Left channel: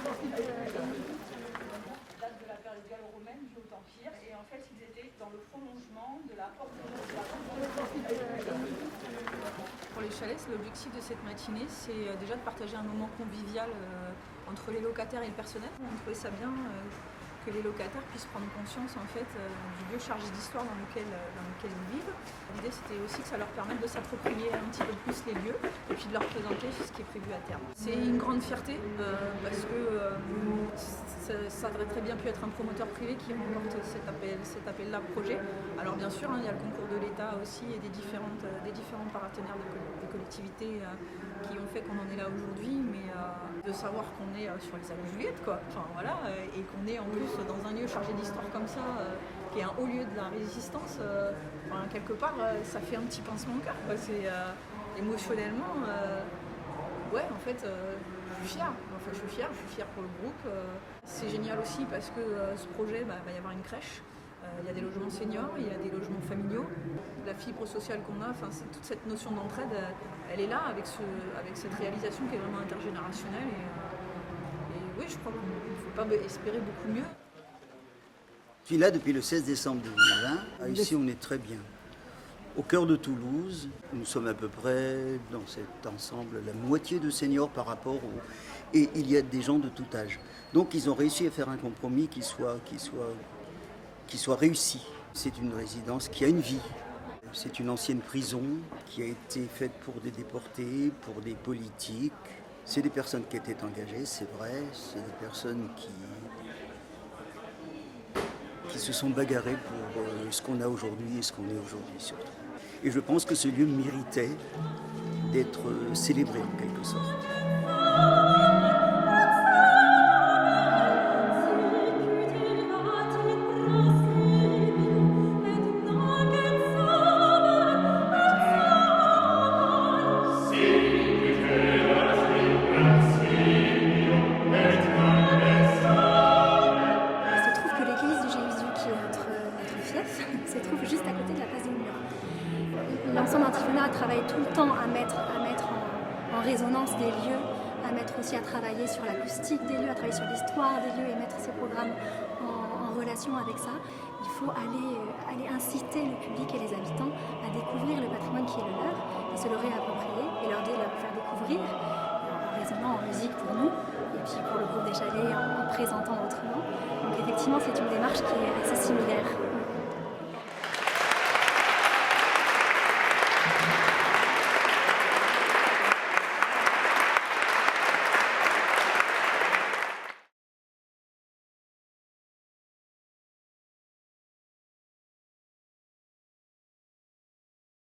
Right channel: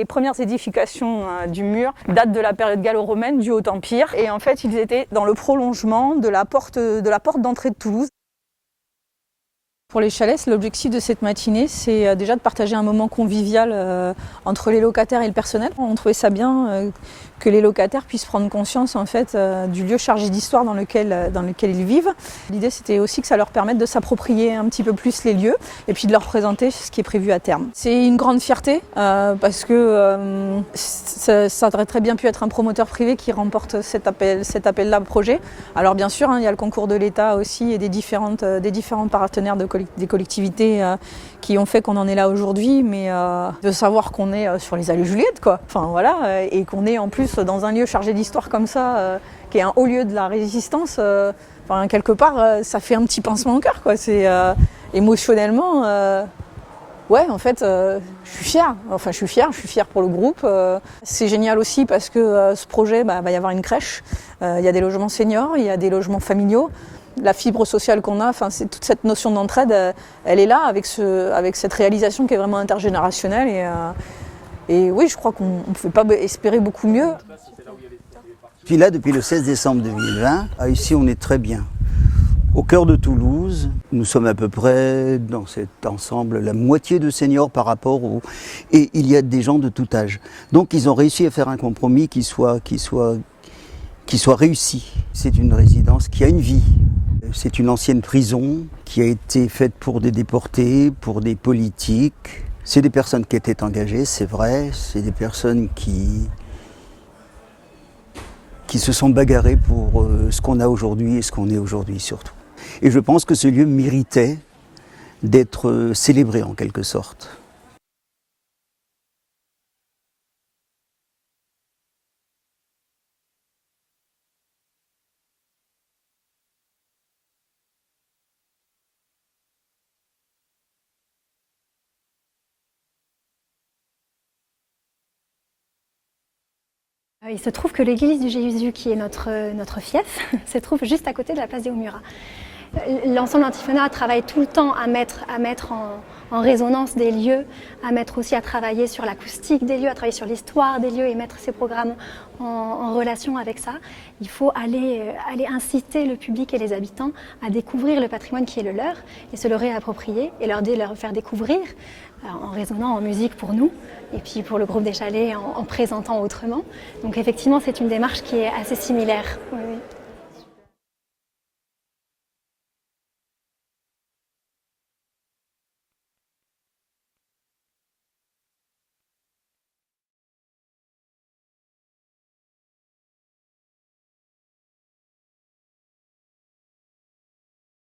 Les premières édifications du mur datent de la période gallo-romaine du Haut-Empire. Et en fait, ils étaient dans le prolongement de la porte d'entrée de Toulouse. Pour les chalets, l'objectif de cette matinée, c'est déjà de partager un moment convivial entre les locataires et le personnel. On trouvait ça bien que les locataires puissent prendre conscience en fait, du lieu chargé d'histoire dans lequel ils vivent. L'idée, c'était aussi que ça leur permette de s'approprier un petit peu plus les lieux et puis de leur présenter ce qui est prévu à terme. C'est une grande fierté parce que ça aurait très bien pu être un promoteur privé qui remporte cet appel-là projet. Alors bien sûr, il y a le concours de l'État aussi et des différents partenaires des collectivités qui ont fait qu'on en est là aujourd'hui, mais de savoir qu'on est sur les allées Juliette, quoi. Enfin voilà, et qu'on est en plus dans un lieu chargé d'histoire comme ça, qui est un haut lieu de la résistance, quelque part, ça fait un petit pincement au cœur, quoi. C'est émotionnellement, ouais, en fait, je suis fière. Enfin, je suis fière pour le groupe. C'est génial aussi parce que ce projet, va y avoir une crèche. Il y a des logements seniors, il y a des logements familiaux. La fibre sociale qu'on a, c'est toute cette notion d'entraide, elle est là avec cette réalisation qui est vraiment intergénérationnelle. Et oui, je crois qu'on ne pouvait pas espérer beaucoup mieux. Je suis là depuis le 16 décembre 2020. Ici, on est très bien. Au cœur de Toulouse, nous sommes à peu près dans cet ensemble la moitié de seniors par rapport au... Et il y a des gens de tout âge. Donc ils ont réussi à faire un compromis qui soit réussi. C'est une résidence qui a une vie. C'est une ancienne prison qui a été faite pour des déportés, pour des politiques. C'est des personnes qui étaient engagées, c'est vrai. C'est des personnes qui se sont bagarrées pour ce qu'on a aujourd'hui et ce qu'on est aujourd'hui surtout. Et je pense que ce lieu méritait d'être célébré en quelque sorte. Il se trouve que l'église du Jésus, qui est notre fief, se trouve juste à côté de la place des Hauts-Murat. L'ensemble Antiphona travaille tout le temps à mettre en résonance des lieux, à mettre aussi à travailler sur l'acoustique des lieux, à travailler sur l'histoire des lieux et mettre ces programmes en relation avec ça. Il faut aller inciter le public et les habitants à découvrir le patrimoine qui est le leur et se le réapproprier et leur faire découvrir en résonnant en musique pour nous et puis pour le groupe des Chalets en présentant autrement. Donc effectivement, c'est une démarche qui est assez similaire.